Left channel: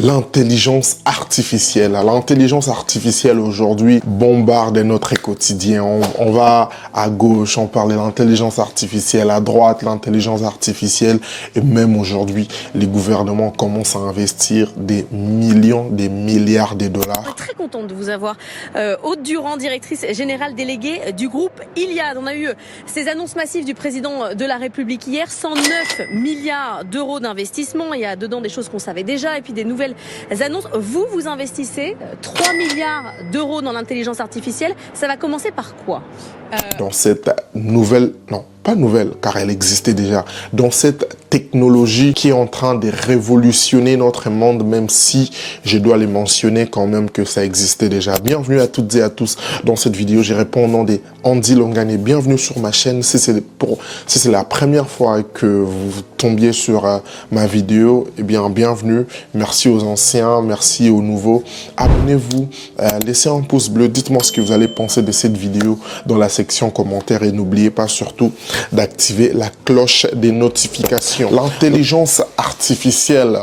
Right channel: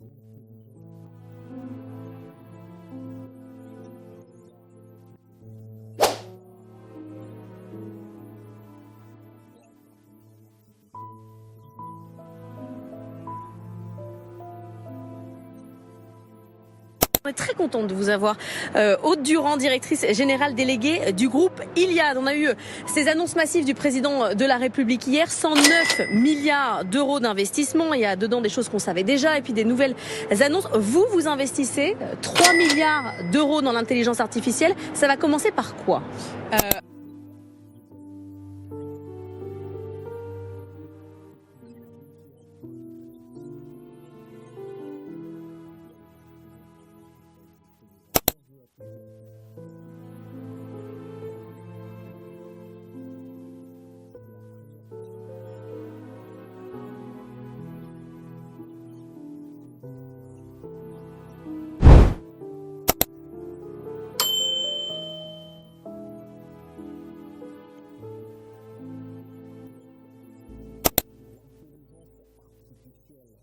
L'intelligence artificielle. L'intelligence artificielle aujourd'hui bombarde notre quotidien. On va à gauche, on parle de l'intelligence artificielle, à droite, l'intelligence artificielle. Et même aujourd'hui, les gouvernements commencent à investir des millions, des milliards de dollars. On est très contente de vous avoir. Aude Durand, directrice générale déléguée du groupe Iliad. On a eu ces annonces massives du président de la République hier. 109 milliards d'euros d'investissement. Il y a dedans des choses qu'on savait déjà et puis des nouvelles annonces. Vous investissez 3 milliards d'euros dans l'intelligence artificielle. Ça va commencer par quoi? Dans cette nouvelle, non, pas nouvelle, car elle existait déjà, dans cette technologie qui est en train de révolutionner notre monde, même si je dois les mentionner quand même que ça existait déjà. Bienvenue à toutes et à tous dans cette vidéo. Je réponds au nom de Andy Longane. Bienvenue sur ma chaîne. Si c'est la première fois que vous tombiez sur ma vidéo, eh bien, bienvenue. Merci aux anciens, merci aux nouveaux. Abonnez-vous, laissez un pouce bleu. Dites-moi ce que vous allez penser de cette vidéo dans la section commentaires et n'oubliez pas surtout d'activer la cloche des notifications. L'intelligence artificielle,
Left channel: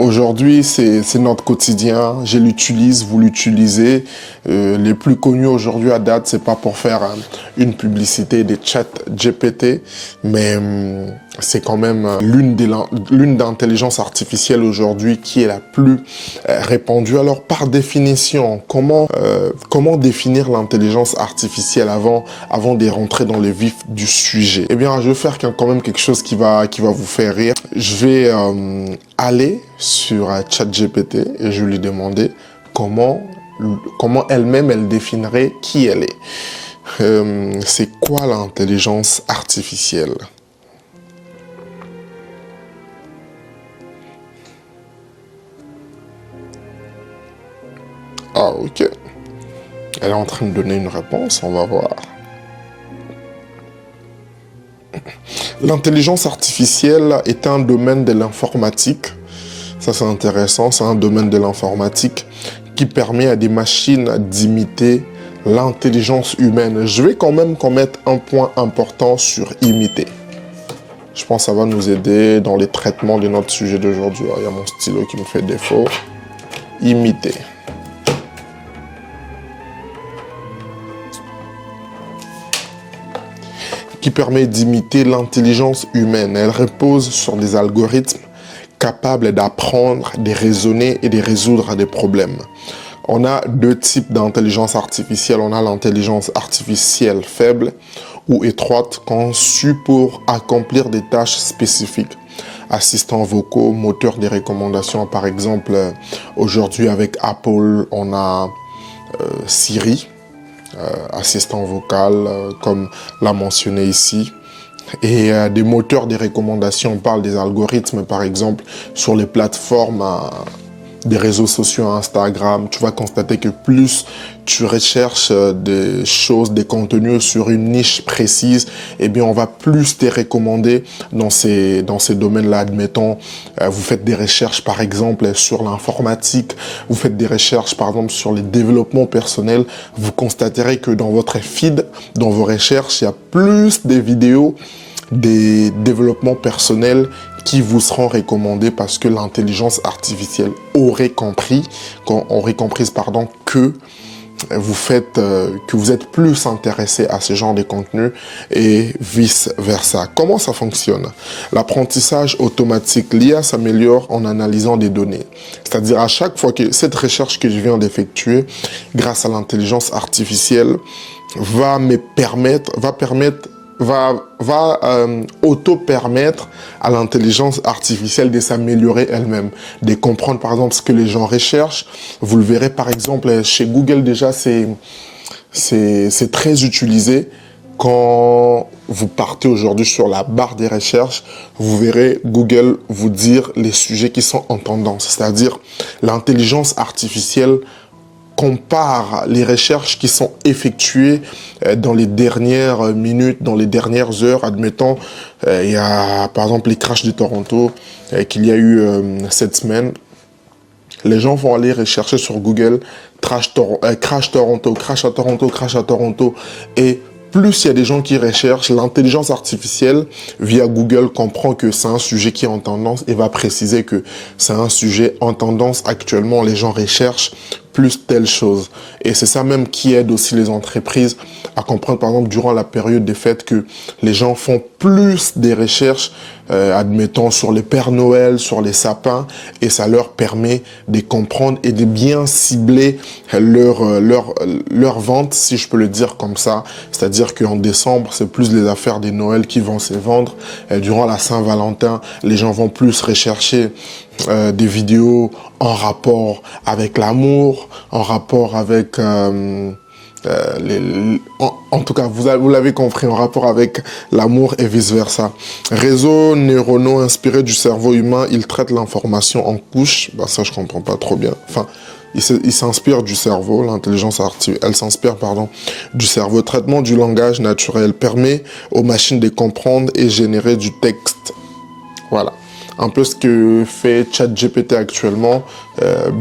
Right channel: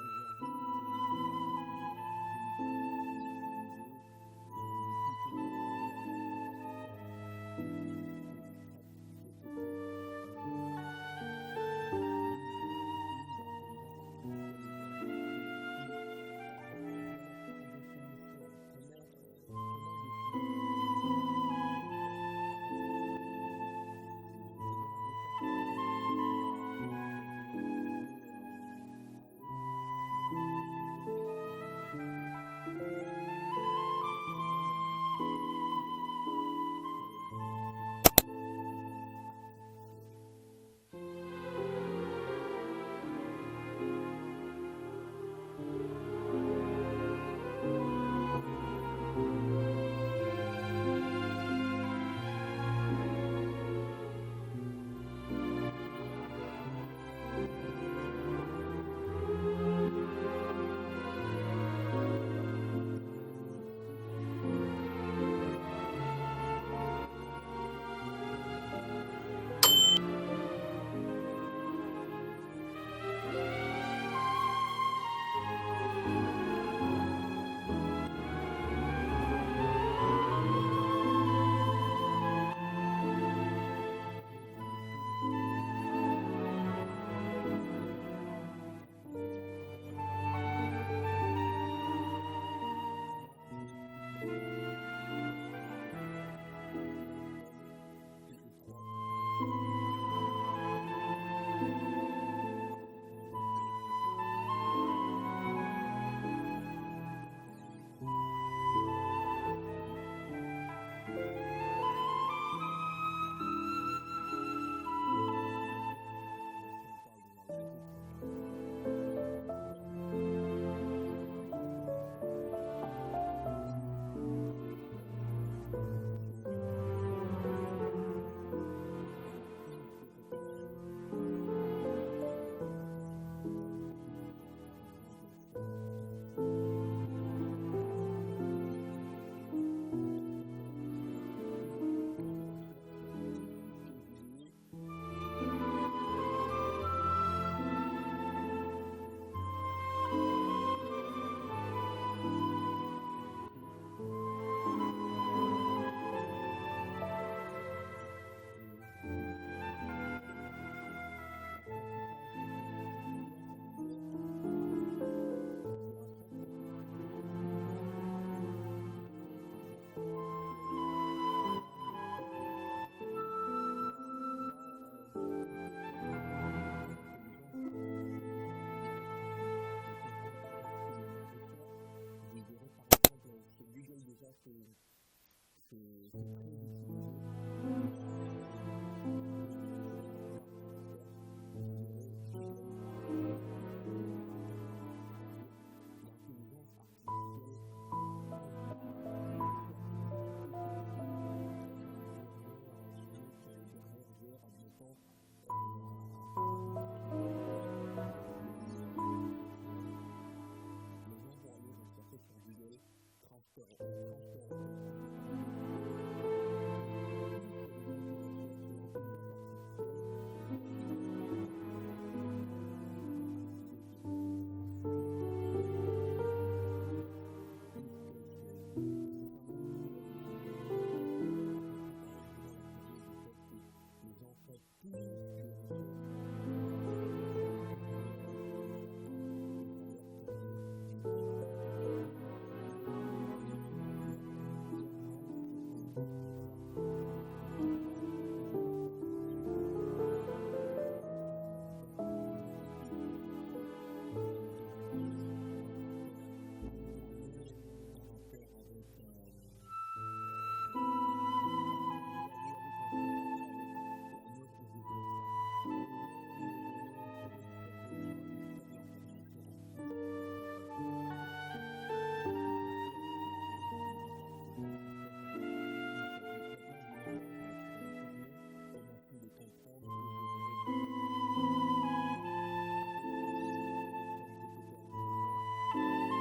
aujourd'hui, c'est notre quotidien. Je l'utilise, vous l'utilisez. Les plus connus aujourd'hui à date, c'est pas pour faire une publicité des chats GPT, mais c'est quand même l'une d'intelligence artificielle aujourd'hui qui est la plus répandue. Alors, par définition, comment définir l'intelligence artificielle avant de rentrer dans le vif du sujet? Eh bien, je vais faire quand même quelque chose qui va vous faire rire. Je vais aller sur ChatGPT et je vais lui demander comment elle-même elle définirait qui elle est. C'est quoi l'intelligence artificielle? Ah, ok. Elle est en train de donner une réponse, on va voir. L'intelligence artificielle est un domaine de l'informatique. Ça, c'est intéressant. C'est un domaine de l'informatique qui permet à des machines d'imiter l'intelligence humaine. Je vais quand même mettre un point important sur imiter. Je pense que ça va nous aider dans les traitements de notre sujet d'aujourd'hui. Il y a mon stylo qui me fait défaut. Imiter. Qui permet d'imiter l'intelligence humaine. Elle repose sur des algorithmes capables d'apprendre, de raisonner et de résoudre des problèmes. On a deux types d'intelligence artificielle. On a l'intelligence artificielle faible ou étroite conçue pour accomplir des tâches spécifiques. Assistants vocaux, moteurs de recommandations. Par exemple, aujourd'hui avec Apple, on a Siri. Assistant vocal, comme l'a mentionné ici. Et des moteurs de recommandations, on parle des algorithmes, par exemple, sur les plateformes des réseaux sociaux, Instagram. Tu vas constater que plus tu recherches des choses, des contenus sur une niche précise, eh bien, on va plus te recommander dans ces domaines-là. Admettons, vous faites des recherches, par exemple, sur l'informatique, vous faites des recherches, par exemple, sur les développements personnels, vous constaterez que dans votre feed, dans vos recherches, il y a plus de vidéos des développements personnels qui vous seront recommandés parce que l'intelligence artificielle aurait compris que vous êtes plus intéressé à ce genre de contenu et vice versa. Comment ça fonctionne? L'apprentissage automatique, l'IA s'améliore en analysant des données. C'est-à-dire à chaque fois que cette recherche que je viens d'effectuer, grâce à l'intelligence artificielle, va auto-permettre à l'intelligence artificielle de s'améliorer elle-même, de comprendre par exemple ce que les gens recherchent. Vous le verrez par exemple chez Google déjà, c'est très utilisé. Quand vous partez aujourd'hui sur la barre des recherches, vous verrez Google vous dire les sujets qui sont en tendance. C'est-à-dire l'intelligence artificielle compare les recherches qui sont effectuées dans les dernières minutes, dans les dernières heures. Admettons, il y a par exemple les crashs de Toronto qu'il y a eu cette semaine. Les gens vont aller rechercher sur Google crash Toronto, crash à Toronto, crash à Toronto et plus il y a des gens qui recherchent, l'intelligence artificielle via Google comprend que c'est un sujet qui est en tendance et va préciser que c'est un sujet en tendance. Actuellement, les gens recherchent plus telle chose. Et c'est ça même qui aide aussi les entreprises à comprendre, par exemple, durant la période des fêtes, que les gens font plus des recherches, admettons, sur les Pères Noël, sur les sapins, et ça leur permet de comprendre et de bien cibler leur vente, si je peux le dire comme ça. C'est-à-dire qu'en décembre, c'est plus les affaires des Noël qui vont se vendre. Et durant la Saint-Valentin, les gens vont plus rechercher des vidéos en rapport avec l'amour, en rapport avec... en tout cas, vous l'avez compris, en rapport avec l'amour et vice-versa. Réseaux neuronaux inspirés du cerveau humain, ils traitent l'information en couches. Bah, ça, je comprends pas trop bien. Enfin, il s'inspire du cerveau, l'intelligence artificielle, elle s'inspire, pardon, du cerveau. Traitement du langage naturel permet aux machines de comprendre et générer du texte. Voilà. Un peu ce que fait ChatGPT actuellement.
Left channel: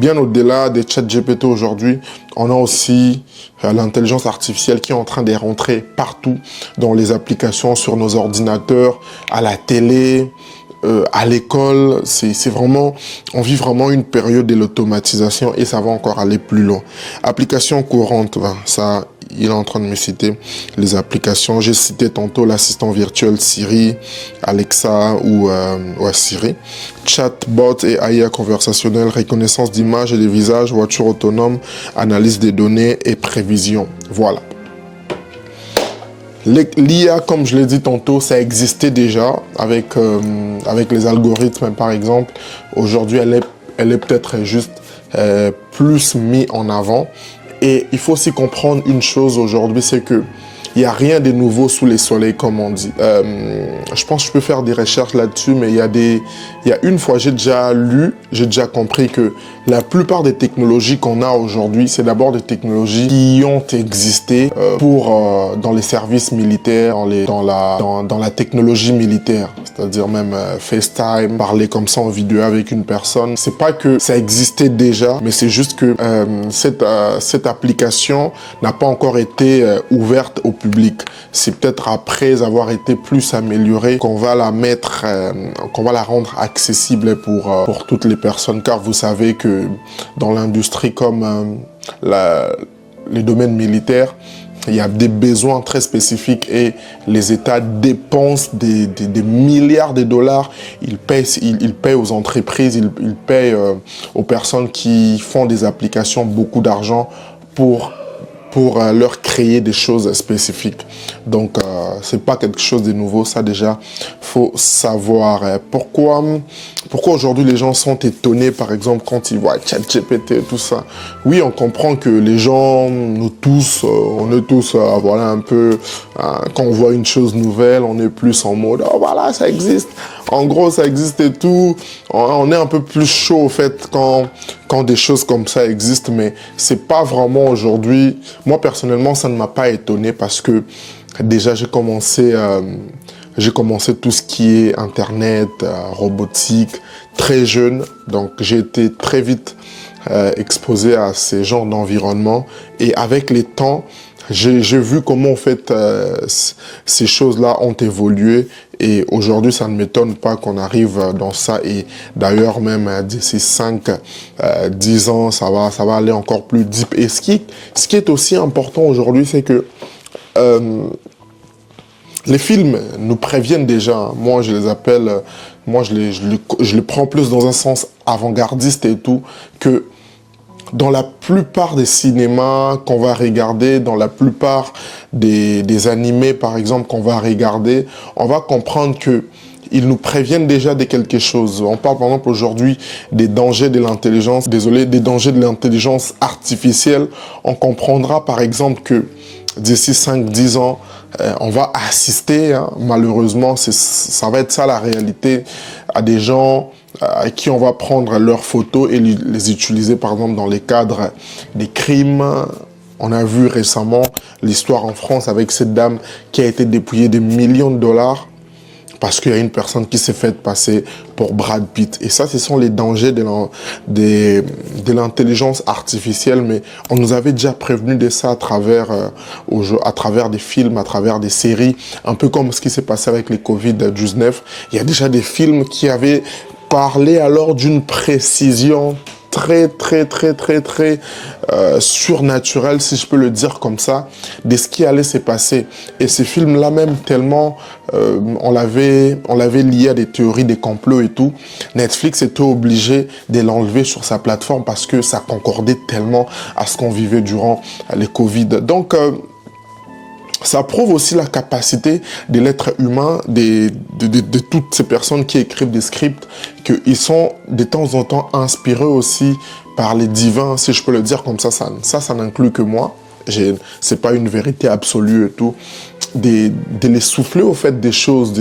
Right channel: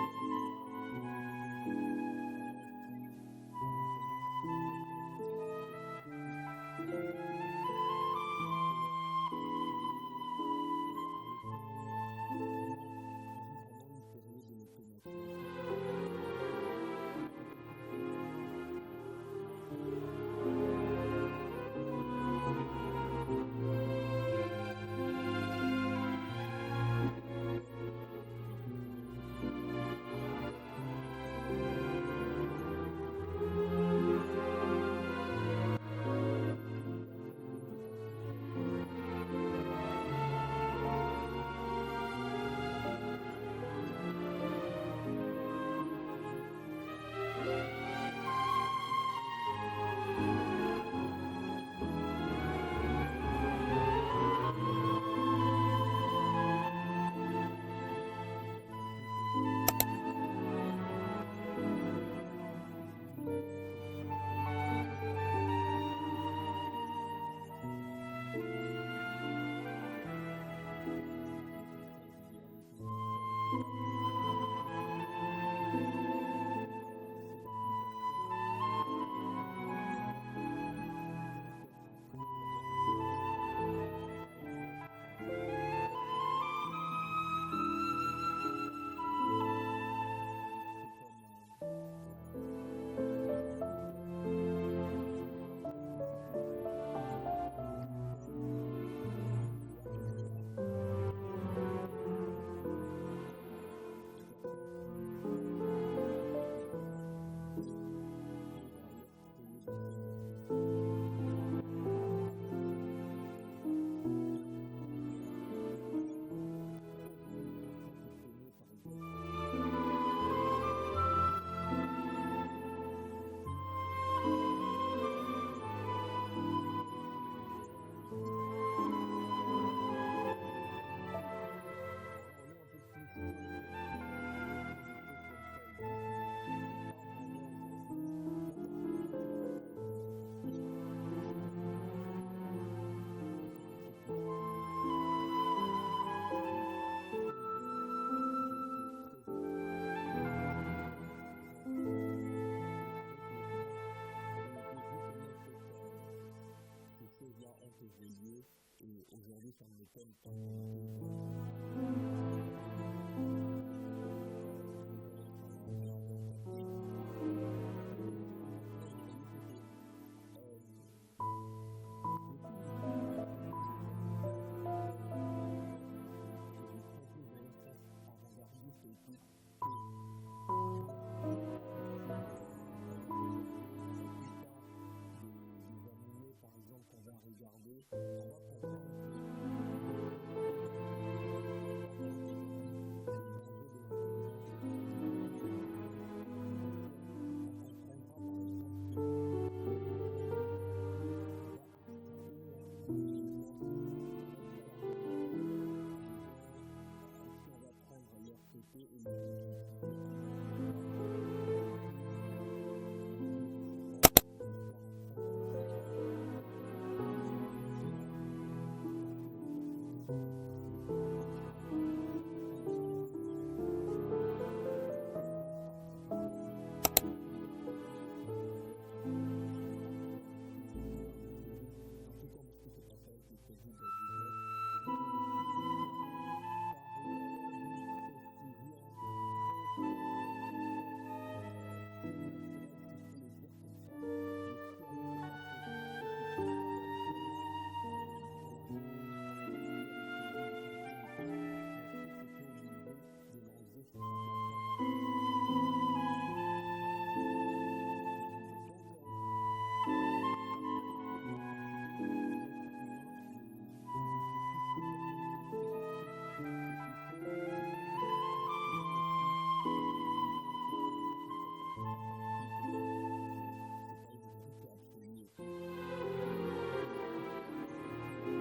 Bien au-delà des ChatGPT aujourd'hui, on a aussi l'intelligence artificielle qui est en train de rentrer partout dans les applications, sur nos ordinateurs, à la télé, à l'école. C'est vraiment, on vit vraiment une période de l'automatisation et ça va encore aller plus loin. Applications courantes, ça, il est en train de me citer les applications. J'ai cité tantôt l'assistant virtuel Siri, Alexa ou Siri. Chatbot et AI conversationnel, reconnaissance d'images et de visages, voiture autonome, analyse des données et prévision. Voilà. L'IA, comme je l'ai dit tantôt, ça existait déjà avec les algorithmes, par exemple. Aujourd'hui, elle est peut-être juste plus mise en avant. Et il faut aussi comprendre une chose aujourd'hui, c'est que il n'y a rien de nouveau sous les soleils, comme on dit. Je pense que je peux faire des recherches là-dessus, mais il y a une fois, j'ai déjà compris que la plupart des technologies qu'on a aujourd'hui, c'est d'abord des technologies qui ont existé dans les services militaires, dans la technologie militaire. C'est-à-dire même FaceTime, parler comme ça en vidéo avec une personne. C'est pas que ça existait déjà, mais c'est juste que cette application n'a pas encore été ouverte au public. C'est peut-être après avoir été plus améliorée qu'on va la mettre, qu'on va la rendre accessible pour toutes les personnes. Car vous savez que dans l'industrie comme les domaines militaires, il y a des besoins très spécifiques et les États dépensent des milliards de dollars. Ils payent aux entreprises, ils payent aux personnes qui font des applications beaucoup d'argent pour leur créer des choses spécifiques. Donc, c'est pas quelque chose de nouveau, ça déjà, faut savoir. Pourquoi aujourd'hui les gens sont étonnés, par exemple, quand ils voient ChatGPT et tout ça. Oui, on comprend que les gens, nous tous, on est tous, voilà, un peu, quand on voit une chose nouvelle, on est plus en mode, oh voilà, ça existe. En gros, ça existe et tout. On est un peu plus chaud, au fait, quand des choses comme ça existent, mais c'est pas vraiment aujourd'hui. Moi, personnellement, ça ne m'a pas étonné parce que déjà, j'ai commencé tout ce qui est Internet, robotique, très jeune. Donc, j'ai été très vite exposé à ces genres d'environnement. Et avec les temps, j'ai vu comment, en fait, ces choses-là ont évolué. Et aujourd'hui, ça ne m'étonne pas qu'on arrive dans ça. Et d'ailleurs, même d'ici 5-10 ans, ça va aller encore plus deep. Et ce qui est aussi important aujourd'hui, c'est que les films nous préviennent déjà. Moi, je les appelle, je les prends plus dans un sens avant-gardiste et tout, que dans la plupart des cinémas qu'on va regarder, dans la plupart des animés, par exemple, qu'on va regarder, on va comprendre que ils nous préviennent déjà de quelque chose. On parle par exemple aujourd'hui des dangers de l'intelligence, des dangers de l'intelligence artificielle. On comprendra par exemple que d'ici 5-10 ans, on va assister, malheureusement, ça va être ça la réalité, à des gens à qui on va prendre leurs photos et les utiliser par exemple dans les cadres des crimes. On a vu récemment l'histoire en France avec cette dame qui a été dépouillée de millions de dollars parce qu'il y a une personne qui s'est faite passer pour Brad Pitt. Et ça, ce sont les dangers de l'intelligence artificielle, mais on nous avait déjà prévenu de ça à travers des films, à travers des séries, un peu comme ce qui s'est passé avec les Covid-19. Il y a déjà des films qui avaient parlé alors d'une précision très surnaturel, si je peux le dire comme ça, de ce qui allait se passer. Et ces films-là même, tellement on l'avait lié à des théories des complots et tout, Netflix était obligé de l'enlever sur sa plateforme parce que ça concordait tellement à ce qu'on vivait durant les Covid. Donc, ça prouve aussi la capacité de l'être humain, de toutes ces personnes qui écrivent des scripts, qu'ils sont de temps en temps inspirés aussi par les divins, si je peux le dire comme ça. Ça n'inclut que moi. C'est pas une vérité absolue et tout. De les souffler au fait des choses,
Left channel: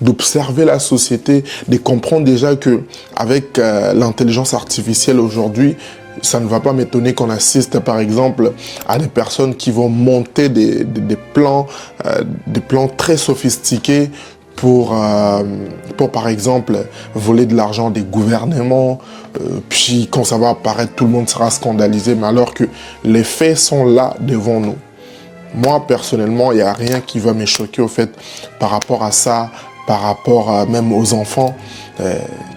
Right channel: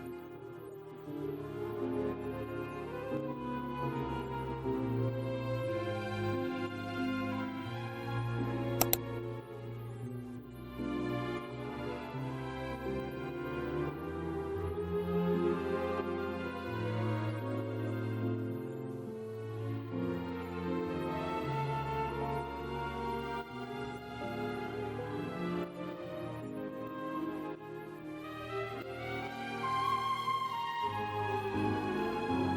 d'observer la société, de comprendre déjà que avec l'intelligence artificielle aujourd'hui, ça ne va pas m'étonner qu'on assiste, par exemple, à des personnes qui vont monter des plans très sophistiqués pour, par exemple, voler de l'argent des gouvernements. Puis, quand ça va apparaître, tout le monde sera scandalisé, mais alors que les faits sont là devant nous. Moi, personnellement, il n'y a rien qui va me choquer, au fait, par rapport à ça, par rapport même aux enfants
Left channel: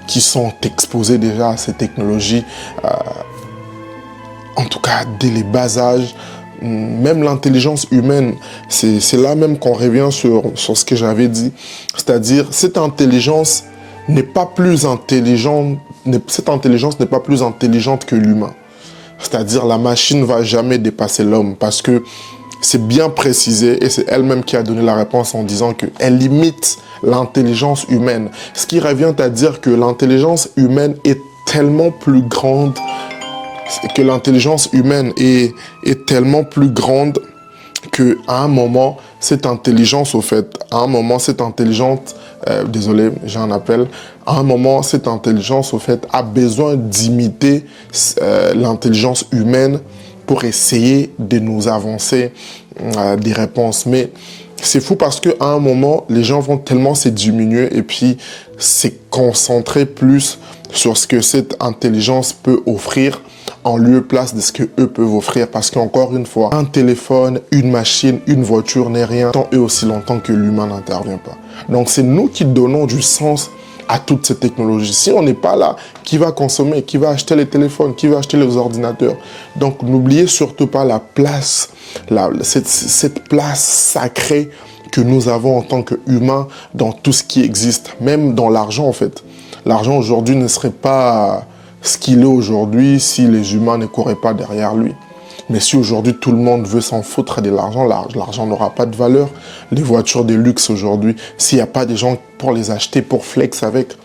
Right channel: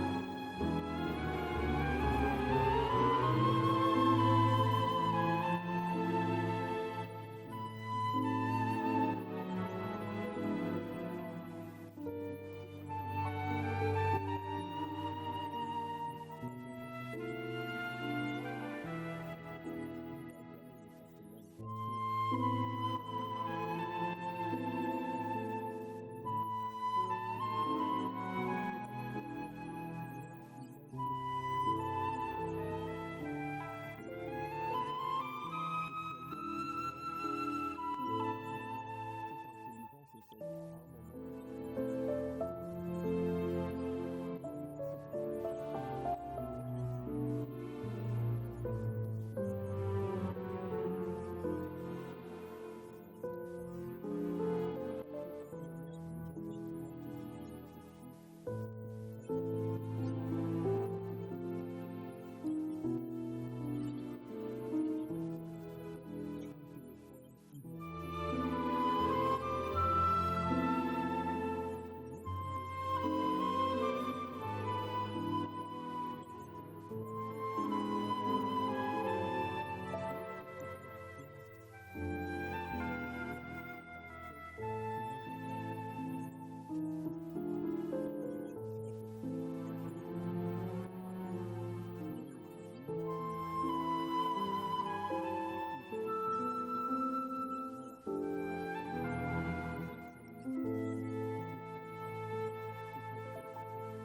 qui sont exposés déjà à ces technologies. En tout cas, dès les bas âges, même l'intelligence humaine, c'est là même qu'on revient sur ce que j'avais dit. C'est-à-dire, cette intelligence n'est pas plus intelligente, que l'humain. C'est-à-dire, la machine ne va jamais dépasser l'homme parce que c'est bien précisé et c'est elle-même qui a donné la réponse en disant qu'elle limite l'intelligence humaine. Ce qui revient à dire que l'intelligence humaine est tellement plus grande qu'à un moment, cette intelligence, à un moment, cette intelligence a besoin d'imiter l'intelligence humaine pour essayer de nous avancer des réponses. Mais c'est fou parce qu'à un moment, les gens vont tellement se diminuer et puis se concentrer plus sur ce que cette intelligence peut offrir en lieu et place de ce qu'eux peuvent offrir. Parce qu'encore une fois, un téléphone, une machine, une voiture n'est rien tant et aussi longtemps que l'humain n'intervient pas. Donc c'est nous qui donnons du sens à toutes ces technologies. Si on n'est pas là, qui va consommer, qui va acheter les téléphones, qui va acheter les ordinateurs? Donc n'oubliez surtout pas la place, cette place sacrée que nous avons en tant qu'humains dans tout ce qui existe, même dans l'argent en fait. L'argent aujourd'hui ne serait pas ce qu'il est aujourd'hui si les humains ne couraient pas derrière lui. Mais si aujourd'hui tout le monde veut s'en foutre de l'argent, l'argent n'aura pas de valeur. Les voitures de luxe aujourd'hui, s'il n'y a pas des gens pour les acheter, pour flex avec,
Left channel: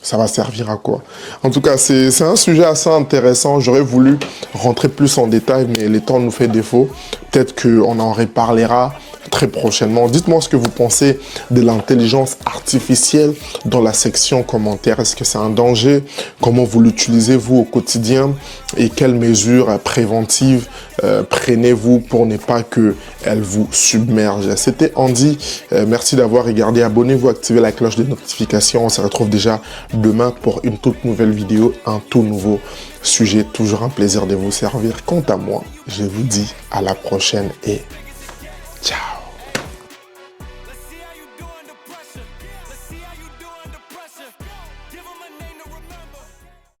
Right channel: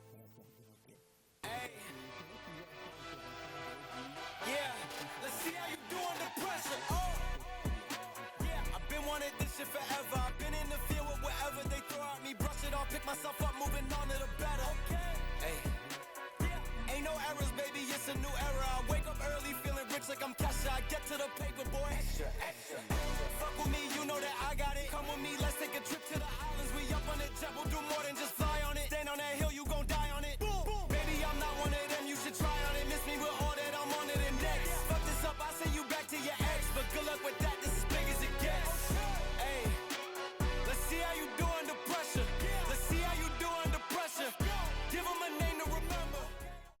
ça va servir à quoi? En tout cas, c'est un sujet assez intéressant. J'aurais voulu rentrer plus en détail, mais le temps nous fait défaut. Peut-être qu'on en reparlera très prochainement. Dites-moi ce que vous pensez de l'intelligence artificielle dans la section commentaires. Est-ce que c'est un danger? Comment vous l'utilisez vous au quotidien? Et quelles mesures préventives prenez-vous pour ne pas qu'elle vous submerge? C'était Andy. Merci d'avoir regardé. Abonnez-vous, activez la cloche de notification. On se retrouve déjà demain pour une toute nouvelle vidéo, un tout nouveau sujet. Toujours un plaisir de vous servir. Quant à moi, je vous dis à la prochaine et ciao.